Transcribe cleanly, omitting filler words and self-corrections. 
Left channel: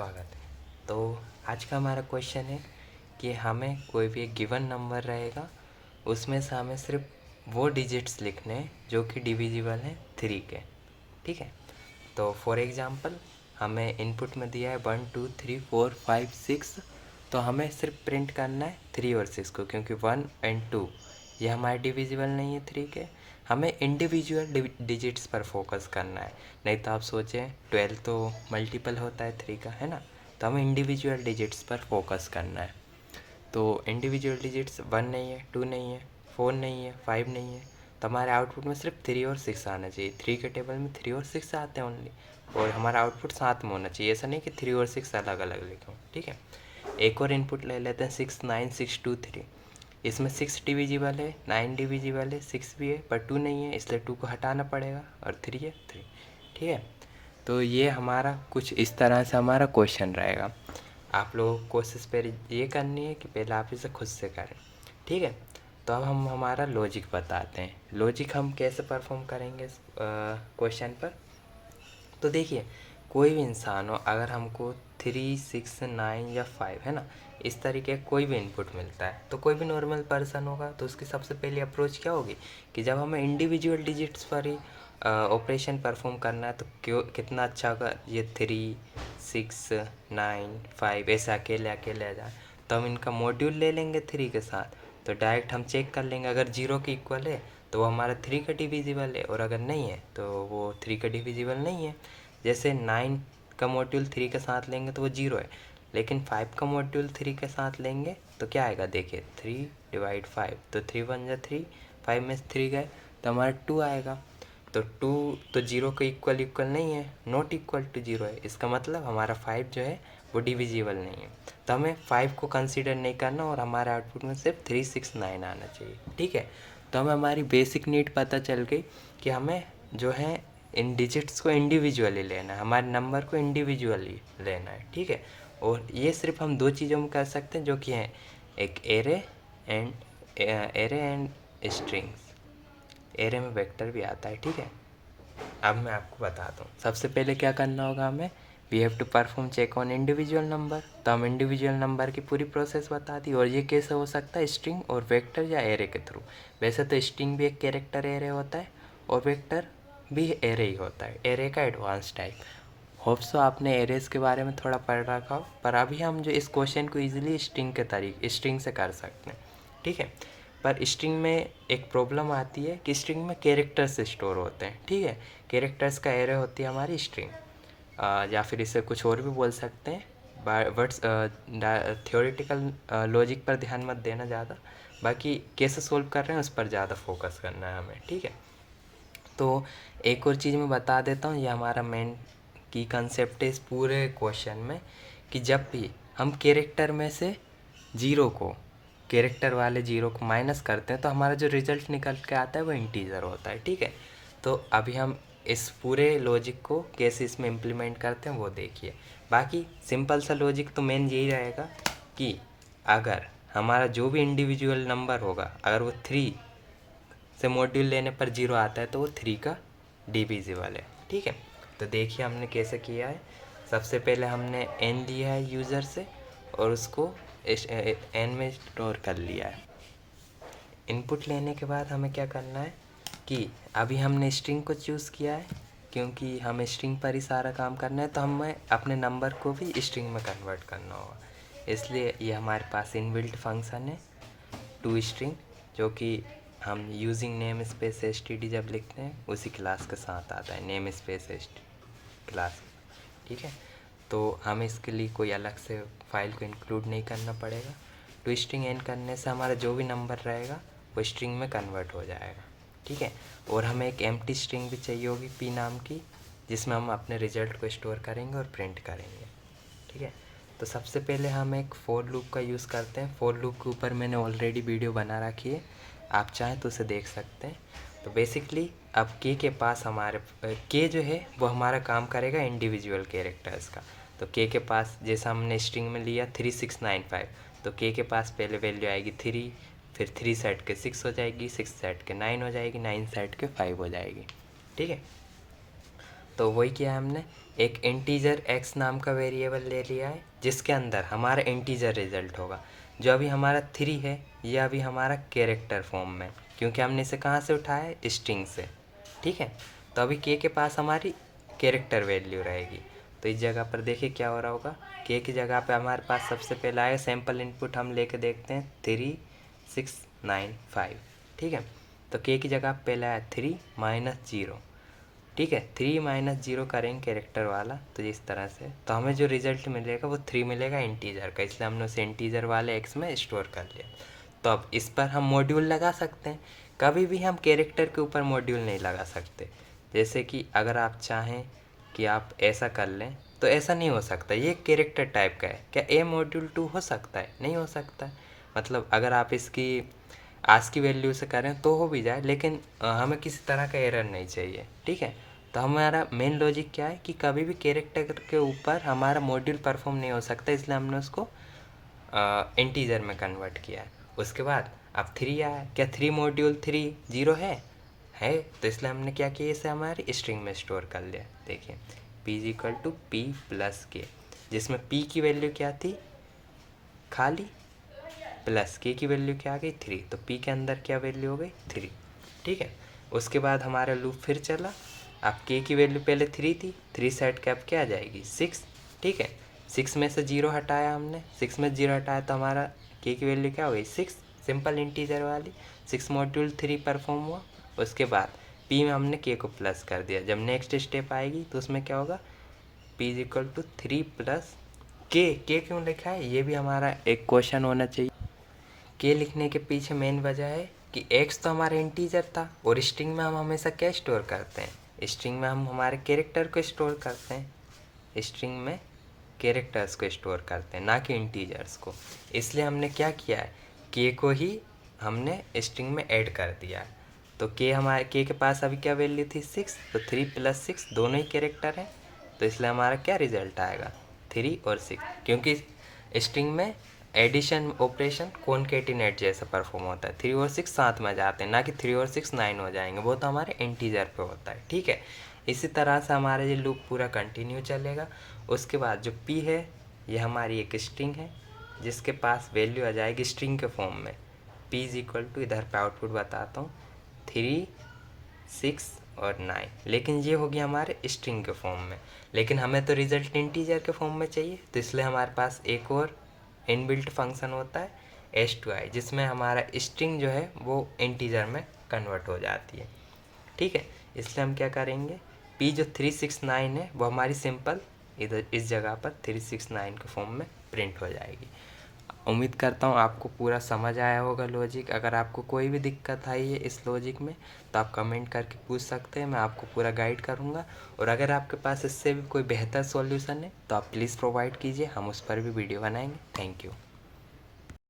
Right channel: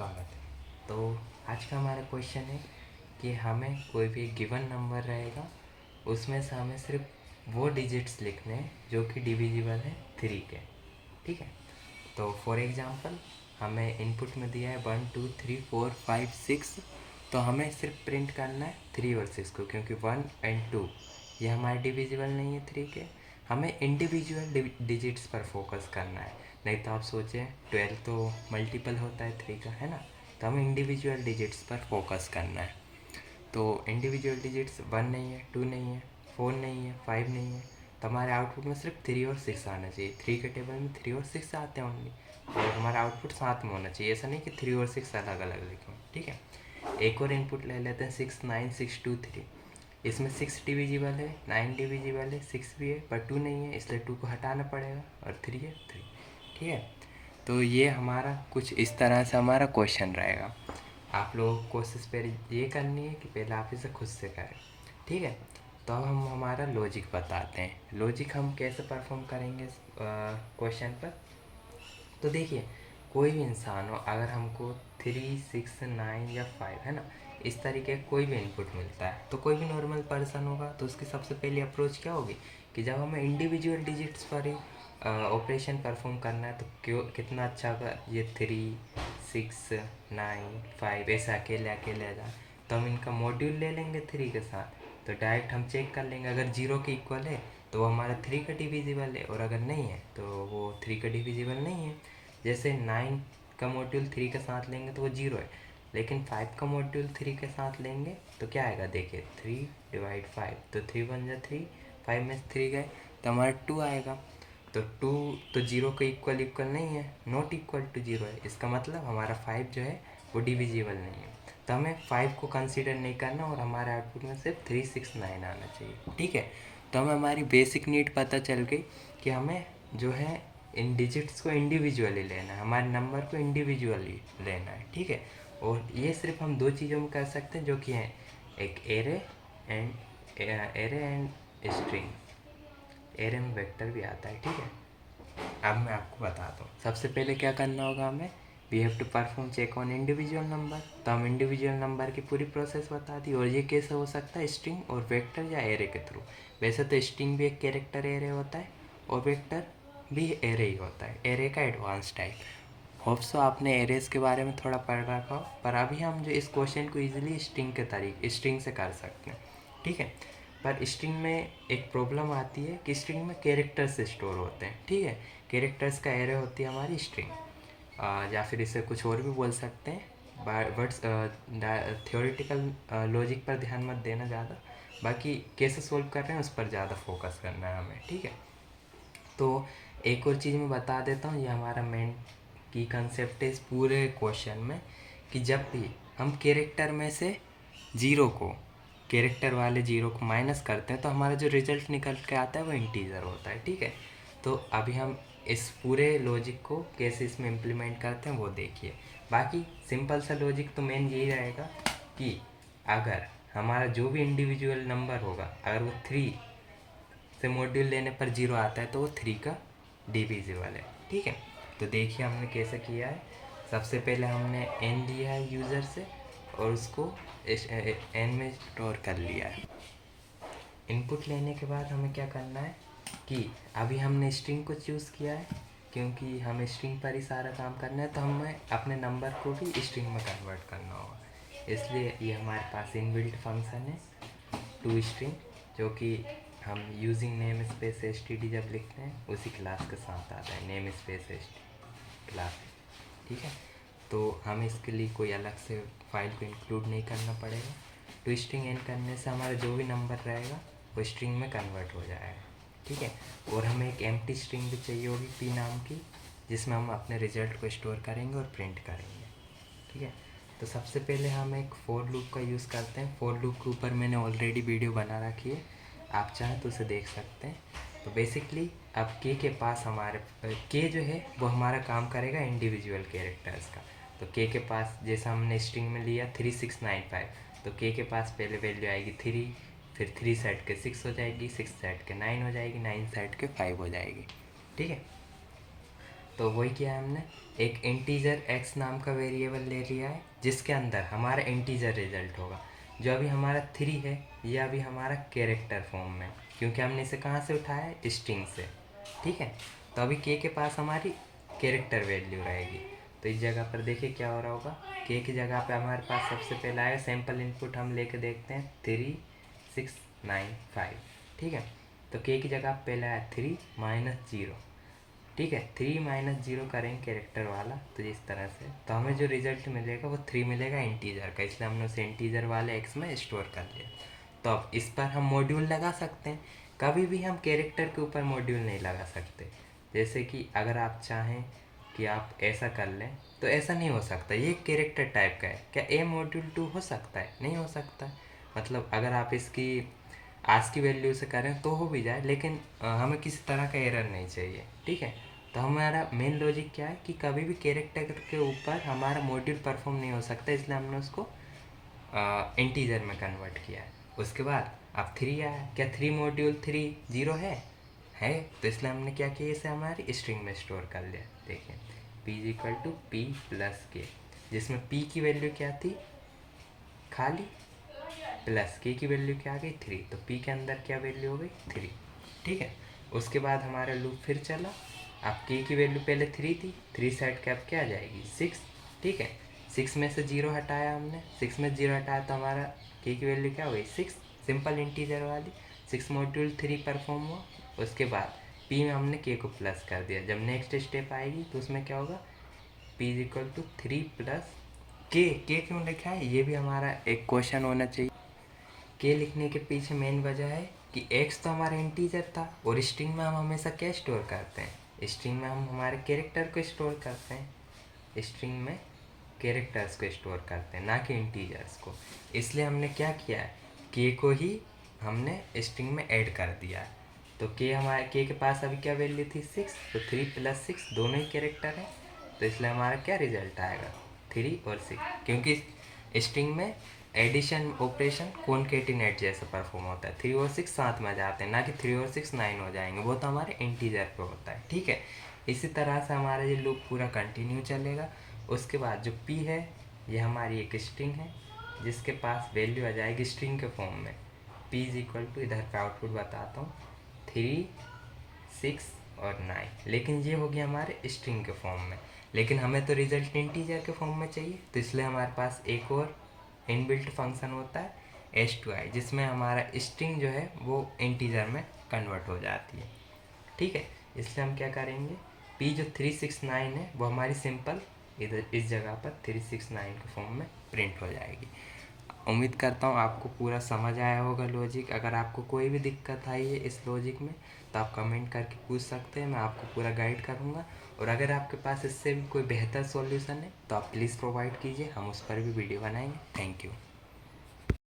स्वागत है। तो आज का हमारा क्वेश्चन है कि हमें कोई भी एक गिवन नंबर रहेगा, उसमें से हमें सिर्फ वो डिजिट्स लिखने हैं जो कि डिविजिबल हैं 3 के। ठीक है, तो फॉर एग्जांपल हमें इनपुट में दिया है 1 2 3 4 5 6, तो हमें सिर्फ प्रिंट करना है 3 और 6 को, क्योंकि 1 एंड 2 ये हमारे डिविजिबल नहीं है 3 के। हमें इंडिविजुअल डिजिट्स पर फोकस करना है, नहीं तो आप सोचें 12 तो मल्टीपल होता है 3 का, है ना। तो हमें इंडिविजुअल डिजिट्स पर फोकस करना है। तो इंडिविजुअल डिजिट्स 1 नहीं है, 2 नहीं है, 4 नहीं है, 5 नहीं है, तो हमारे आउटपुट में सिर्फ 3 और 6 आना चाहिए। 3 के टेबल में 3 और 6 आते हैं ओनली, और हमारा आउटपुट साथ में होना चाहिए। ऐसा नहीं कि 3 और 6 अलग अलग लिखें। ठीक है, एक और इनपुट ले लेते हैं 6 9 6 2 3। इसमें 6 डिविजिबल है, 9 डिविजिबल है, 6 भी है, पर 2 नहीं है, इसलिए 2 को हटाना पड़ेगा, और 3 है 3। ठीक है, तो ये हमारा कुछ इस तरह से हमारा क्वेश्चन रहेगा। आप लोगों को कोशिश पहले ये करनी है कि पहले आप इसे खुद से करें। ठीक है, तो अब हम हमारा लॉजिक बताते हैं। लॉजिक हम कैसे परफॉर्म करेंगे इस क्वेश्चन पर। तो देखिए, कोई भी इंसान हो, अगर हमको 3 6 9 या 5, है ना, इस तरीके का कोई भी इनपुट मिलता है, तो कोई भी नॉर्मल पर्सन होगा तो उसकी सबसे पहली अप्रोच क्या होगी कि जब हमें इंडिविजुअल डिजिट्स पर ही ऑपरेशन परफॉर्म करना है, तो क्यों कितना अच्छा होगा ये 3 6 9 5 ऐसे अकेले अकेले आ जाए, तो हम इनका मॉड्यूल ले लेंगे 3 के साथ। तो डायरेक्ट हम चेक कर लेंगे, अगर 0 के इक्वल है तो वो हमारा 3 का डिविजिबल है, और अगर नहीं है तो वो 3 का डिविजिबल नहीं है। जैसे 9 का मॉड्यूल 3 के साथ लेंगे तो वो 0 है, लेकिन 5 का मॉड्यूल 3 के साथ लेंगे तो क्या आएगा, देखिए 3 डिवाइड 5, तो 3 1 जा 3, 5 में से 3 गए तो हमारा 2 आएगा। तो 2 तो 0 के इक्वल इक्वल नहीं है, नॉट इक्वल टू 0 है, इसका मतलब हमारा 5 जो है वो डिविजिबल नहीं है। तो हमें 5 को कंसीडर नहीं करना, और हमारे आउटपुट में सिर्फ 3 6 9 आना चाहिए। ठीक है, तो हमें हमारी बेसिक नीड पता चल गई कि हमें जो है इन डिजिट्स को इंडिविजुअली लेना है, हमारे नंबर को इंडिविजुअली लेना है। ठीक है, और ये सिर्फ हम 2 चीज़ों में कर सकते हैं, जो कि हैं एक एरे एंड स्ट्रिंग्स। एरे में वेक्टर भी आता है। ठीक है, अब मैं आपको बताता हूँ। सबसे पहले क्या करना होगा हमें, we have to perform check on individual number. तो हम इंडिविजुअल नंबर की पूरी प्रोसेस बता दी, और ये कैसे हो सकता है, स्ट्रिंग और वेक्टर या एरे के थ्रू। वैसे तो स्ट्रिंग भी एक कैरेक्टर एरे होता है, और वेक्टर भी एरे ही होता है, एरे का एडवांस टाइप। होप सो आपने एरेज के बारे में थोड़ा पढ़ रखा हो, पर अभी हम जो इस क्वेश्चन को ईजिली स्ट्रिंग के तरीके स्ट्रिंग से कर सकते हैं। ठीक है, पर स्ट्रिंग में एक प्रॉब्लम आती है कि स्ट्रिंग में कैरेक्टर्स स्टोर होते हैं। ठीक है, कैरेक्टर्स का एरे होती है हमारी स्ट्रिंग, या फिर इसे कुछ और भी बोल सकते हैं। वर्ड्स थियोरेटिकल लॉजिक पर ध्यान मत देना ज़्यादा, बाकी कैसे सोल्व कर रहे हैं उस पर ज़्यादा फोकस करना है हमें। ठीक है, तो एक और चीज़ मैं बता देता हूँ, ये हमारा मेन की कंसेप्ट है इस पूरे क्वेश्चन में, कि जब भी हम कैरेक्टर में से जीरो को, कैरेक्टर वाले जीरो को माइनस करते हैं, तो हमारा जो रिजल्ट निकल के आता है वो इंटीजर होता है। ठीक है, तो अभी हम इस पूरे लॉजिक को कैसे इसमें इम्प्लीमेंट करते हैं वो देखिए। बाकी सिंपल सा लॉजिक तो मेन यही रहेगा कि अगर हमारा जो भी इंडिविजुअल नंबर होगा, अगर वो 3 से मॉड्यूल लेने पर 0 आता है, तो वो 3 का डिविजिबल है। ठीक है, तो देखिए हमने कैसे किया है। सबसे पहले हमने n लिया है यूज़र से, और उसको n में स्टोर कर लिया है। इनपुट लेने के बाद हमें क्या करना है कि अभी हमने स्ट्रिंग को चूज़ किया है, क्योंकि हमें स्ट्रिंग पर ही सारा काम करना है, तो हमें अपने नंबर को भी स्ट्रिंग में कन्वर्ट करना होगा। इसलिए ये हमारे पास इनबिल्ट फंक्शन है टू स्ट्रिंग, जो कि हम using name space S T D जब लिखते हैं उसी क्लास के साथ आता है, name space S T class. ठीक है, तो हमें इसके लिए कोई अलग से फाइल को इंक्लूड नहीं करना पड़ेगा। टू स्ट्रिंग एंड करने से हमारा जो भी नंबर रहेगा वो स्ट्रिंग में कन्वर्ट हो जाएगा। ठीक है, और हमें एक एम्प्टी स्ट्रिंग भी चाहिए होगी पी नाम की, जिसमें हम अपने रिजल्ट को स्टोर करेंगे और प्रिंट करेंगे। ठीक है, तो सबसे पहले हम एक फॉर लूप का यूज़ करते हैं। फॉर लूप के ऊपर मैंने ऑलरेडी वीडियो बना रखी है, आप चाहें तो उसे देख सकते हैं। तो बेसिकली अब के पास हमारे के जो है वो हमारा काम करेगा इंडिविजुअल कैरेक्टर्स का। तो के पास जैसा हमने स्ट्रिंग में लिया 3695, तो के पास पहले वैल्यू आएगी 3, फिर 3 सेट के 6 हो जाएगी, 6 सेट के 9 हो जाएगी, 9 सेट के 5 हो जाएगी। ठीक है, तो वही किया हमने, एक इंटीजर x नाम का वेरिएबल ले लिया है जिसके अंदर हमारा इंटीजर रिजल्ट होगा। जो अभी हमारा 3 है ये अभी हमारा कैरेक्टर फॉर्म में, क्योंकि हमने इसे कहाँ से उठाया है, स्ट्रिंग से, ठीक है। तो अभी k के पास हमारी कैरेक्टर वैल्यू रहेगी। तो इस जगह पर देखिए क्या हो रहा होगा, k की जगह पे हमारे पास सबसे पहला है सैम्पल इनपुट, हम लेके देखते हैं 3695, ठीक है। तो k की जगह पहला है 3 - 0, ठीक है। 3 - 0 करेंगे कैरेक्टर वाला, तो इस तरह से तो हमें जो रिजल्ट मिलेगा वो 3 मिलेगा इंटीजर का, इसलिए हमने उसे इंटीजर वाले x में स्टोर कर लिया। तो अब इस पर हम मॉड्यूल लगा सकते हैं। कभी भी हम कैरेक्टर के ऊपर मॉड्यूल नहीं लगा सकते। जैसे कि अगर आप चाहें कि आप ऐसा कर लें तो ऐसा नहीं हो सकता, ये कैरेक्टर टाइप का है। क्या a मॉड्यूल 2 हो सकता है? नहीं हो सकता। मतलब अगर आप इसकी आज की वैल्यू से करें तो हो भी जाए, लेकिन हमें किसी तरह का एरर नहीं चाहिए, ठीक है। तो हमारा मेन लॉजिक क्या है कि कभी भी कैरेक्टर के ऊपर हमारा मॉड्यूल परफॉर्म नहीं हो सकता, इसलिए हमने उसको इंटीजर में कन्वर्ट किया है। उसके बाद अब 3 आया, क्या 3 मॉड्यूल 3 0 है, तो इसलिए हमने क्या किया, इसे हमारी स्ट्रिंग में स्टोर कर लिया। देखिए p=p+k, जिसमें p की वैल्यू क्या थी, खाली, प्लस k की वैल्यू क्या आ गई, 3, तो p के अंदर क्या वैल्यू हो गई, 3, ठीक है। उसके बाद हमारा लूप फिर चला। अब k की वैल्यू पहले 3 थी, 3 सेट कैप क्या आ जाएगी, 6, ठीक है। 6 में से 0 हटाया हमने, 6 में 0 हटाया तो हमारा k की वैल्यू क्या हो गई, 6, सिंपल इंटीजर वाली। 6 मॉड्यूल 3 परफॉर्म हुआ। उसके बाद p में हमने k को प्लस कर दिया। जब नेक्स्ट स्टेप आएगी तो उसमें क्या होगा, p=3 + k क्यों लिखा है, ये भी हमारा एक क्वेश्चन होना चाहिए। के लिखने के पीछे मेन वजह है कि x तो हमारा इंटीजर था, और स्ट्रिंग में हम हमेशा क्या स्टोर करते हैं, स्ट्रिंग में हम हमारे कैरेक्टर को स्टोर करते हैं, स्ट्रिंग में कैरेक्टर्स को स्टोर करते हैं, ना कि इंटीजर्स को। इसलिए हमने क्या किया है, k को ही हमने स्ट्रिंग में ऐड कर दिया है। तो k के पास अभी क्या वैल्यू थी, 6, तो 3 + 6 दोनों ही कैरेक्टर हैं, तो इसलिए हमारा क्या रिजल्ट आएगा, 3 और 6, क्योंकि स्ट्रिंग में एडिशन ऑपरेशन कॉनकेटिनेट जैसा परफॉर्म होता है। 3 और 6 साथ में जाते हैं, ना कि 3 और 6 9 हो जाएंगे, वो तो हमारे इंटीजर पे होता है, ठीक है। इसी तरह से हमारा ये लूप पूरा कंटिन्यू चलेगा। उसके बाद जो p है ये हमारी एक स्ट्रिंग है जिसके पास वैल्यू आ जाएगी स्ट्रिंग के फॉर्म में। p = इधर पे आउटपुट बताता हूँ, 3, 6 और 9, लेकिन ये होगी हमारे स्ट्रिंग के फॉर्म में। लेकिन हमें तो रिजल्ट इंटीजर के फॉर्म में चाहिए, तो इसलिए हमारे पास एक और इनबिल्ट फंक्शन होता है h2i, जिसमें हमारा स्ट्रिंग जो है वो इंटीजर में कन्वर्ट हो जाती है, ठीक है। इसलिए हम क्या करेंगे, p जो 369 है वो हमारी सिंपल इधर इस जगह पर 369 के फॉर्म में प्रिंट हो जाएगी। उम्मीद करता हूँ आपको पूरा समझ आया होगा लॉजिक। अगर आपको कोई भी दिक्कत आई है इस लॉजिक में तो आप कमेंट करके पूछ सकते हैं, मैं आपको पूरा गाइड करूँगा। और अगर आपके पास इससे भी कोई बेहतर सॉल्यूशन है तो आप प्लीज़ प्रोवाइड कीजिए, हम उस पर भी वीडियो बनाएंगे। Thank you.